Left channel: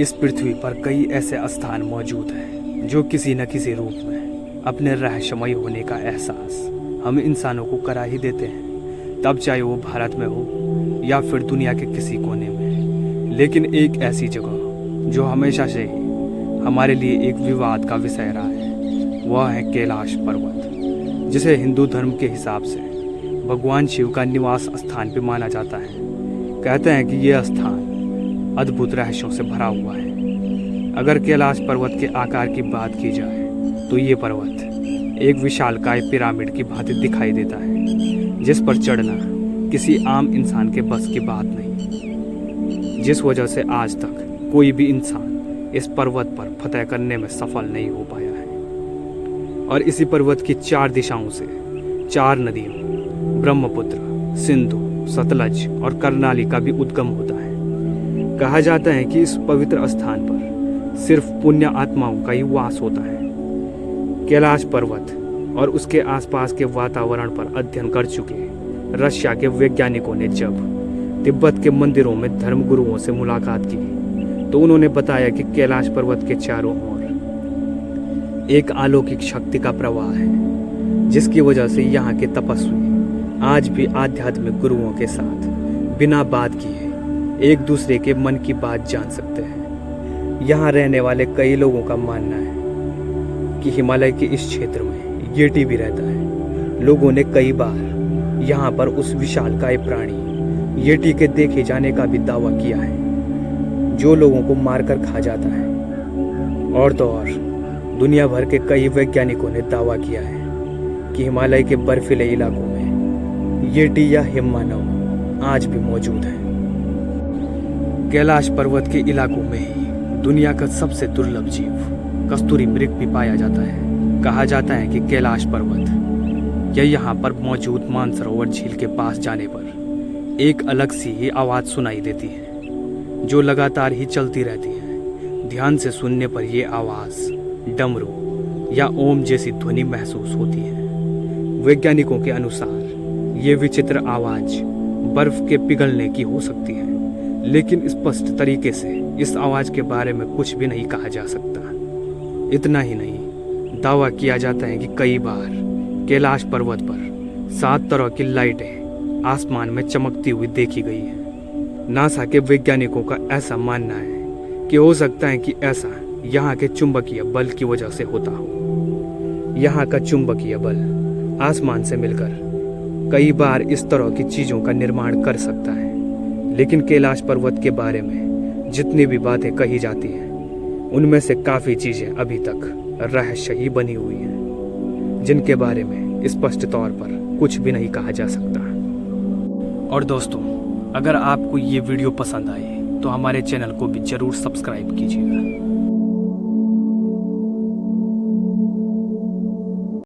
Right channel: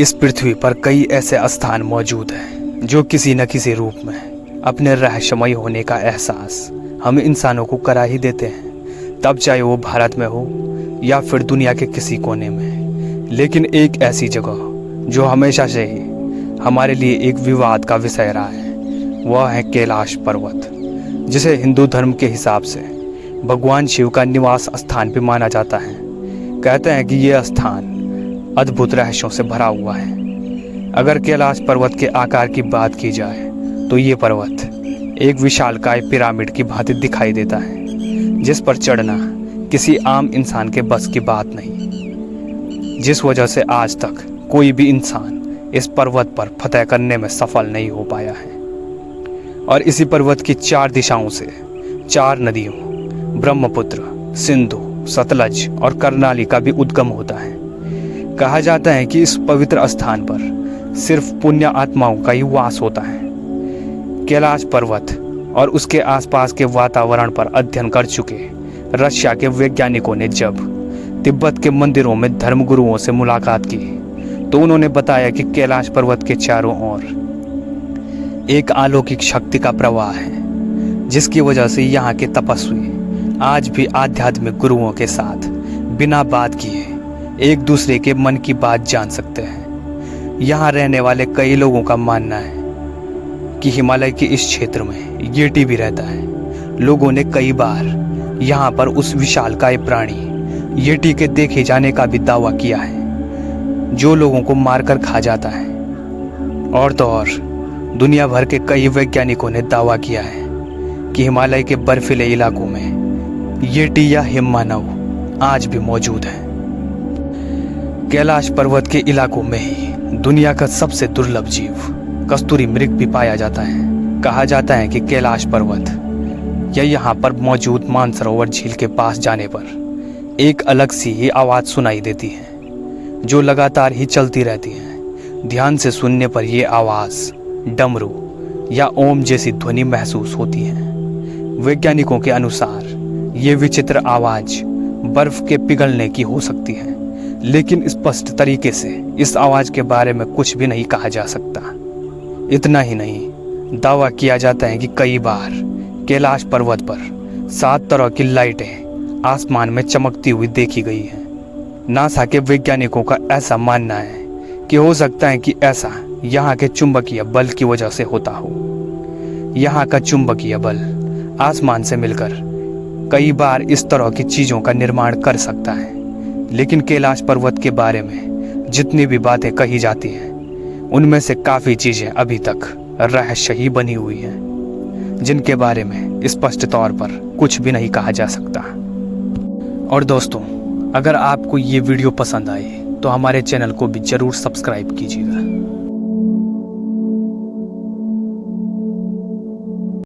इस पृथ्वी पर कई ऐसे स्थान मौजूद हैं जो किसी न किसी रूप में अपने रहस्यमय होने का एहसास हम इंसानों को करा ही देते हैं, तब चाहे वो भारत में हो या फिर दुनिया के किसी कोने में। लेकिन एक ऐसी जगह जो हमेशा से ही हमारे लिए एक विवाद का विषय रहा है, वह है कैलाश पर्वत, जिसे हिंदू धर्म के हिसाब से भगवान शिव का निवास स्थान भी माना जाता है। कहते हैं कि यह स्थान अद्भुत रहस्यों से भरा हुआ है। अगर कैलाश पर्वत के आकार की बात की जाए तो ये पर्वत एक विशालकाय पिरामिड की भांति दिखाई देता है, जिस पर चढ़ना किसी आम इंसान के बस की बात नहीं, जिस वजह से आज तक कोई भी इंसान इस पर्वत पर फतह करने में सफल नहीं हो पाया है। और इसी पर्वत की 4 दिशाओं से 4 नदियों ब्रह्मपुत्र, सिंधु, सतलज और कर्नाली का भी उद्गम होता है। कहा जाता है कि इस पवित्र स्थान पर सिर्फ पुण्य आत्माओं का ही वास होता है। कैलाश पर्वत और उसके आसपास के वातावरण पर अध्ययन कर चुके रशिया के वैज्ञानिकों ने जब तिब्बत के मंदिरों में धर्मगुरुओं से मुलाकात की तो उन्होंने बताया कि कैलाश पर्वत के चारों ओर एक अलौकिक शक्ति का प्रवाह है, जिसकी वजह से यहाँ के तपस्वी आज भी आध्यात्मिक गुरुओं के साथ बिना बात किए एक दूसरे के मन की बात जान सकते हैं। यहाँ रहने वाले कई लोगों का मानना है कि हिमालय के इस क्षेत्र में येटी भी रहता है। लोगों ने कई बार यहाँ पर उस विशालकाय प्राणी येटी के देखे जाने का भी दावा किया है, जो लोगों को मारकर खा जाता है। और तो और दुनिया भर के कई वैज्ञानिकों ने दावा किया है कि हिमालय के बर्फीले इलाकों में येटी या हिममानव आज भी मौजूद है। कैलाश पर्वत के इलाकों में ही दुनिया का सबसे दुर्लभ जीव कस्तूरी मृग भी पाया जाता है। कहा जाता है कि कैलाश पर्वत या यहाँ पर मौजूद मानसरोवर झील के पास जाने पर एक अलग सी ही आवाज़ सुनाई देती है, जो लगातार ही चलती रहती है। ध्यान से सुनने पर यह आवाज़ डमरू या ओम जैसी ध्वनि महसूस होती है। वैज्ञानिकों के अनुसार ये विचित्र आवाज़ बर्फ के पिघलने की हो सकती है, लेकिन स्पष्ट तरीके से इस आवाज़ के बारे में कुछ भी नहीं कहा जा सकता। इतना ही नहीं, दावा किया जाता है कि कई बार कैलाश पर्वत पर 7 तरह की लाइटें आसमान में चमकती हुई देखी गई हैं। नासा के वैज्ञानिकों का ऐसा मानना है कि हो सकता है कि ऐसा यहाँ के चुंबकीय बल की वजह से होता हो। यहाँ का चुंबकीय बल आसमान से मिलकर कई बार इस तरह की चीज़ों का निर्माण कर सकता है। लेकिन कैलाश पर्वत के बारे में जितनी भी बातें कही जाती हैं, उनमें से काफ़ी चीज़ें अभी तक रहस्य ही बनी हुई हैं, जिनके बारे में स्पष्ट तौर पर कुछ भी नहीं कहा जा सकता। और दोस्तों, अगर आपको ये वीडियो पसंद आए तो हमारे चैनल को भी ज़रूर सब्सक्राइब कीजिएगा।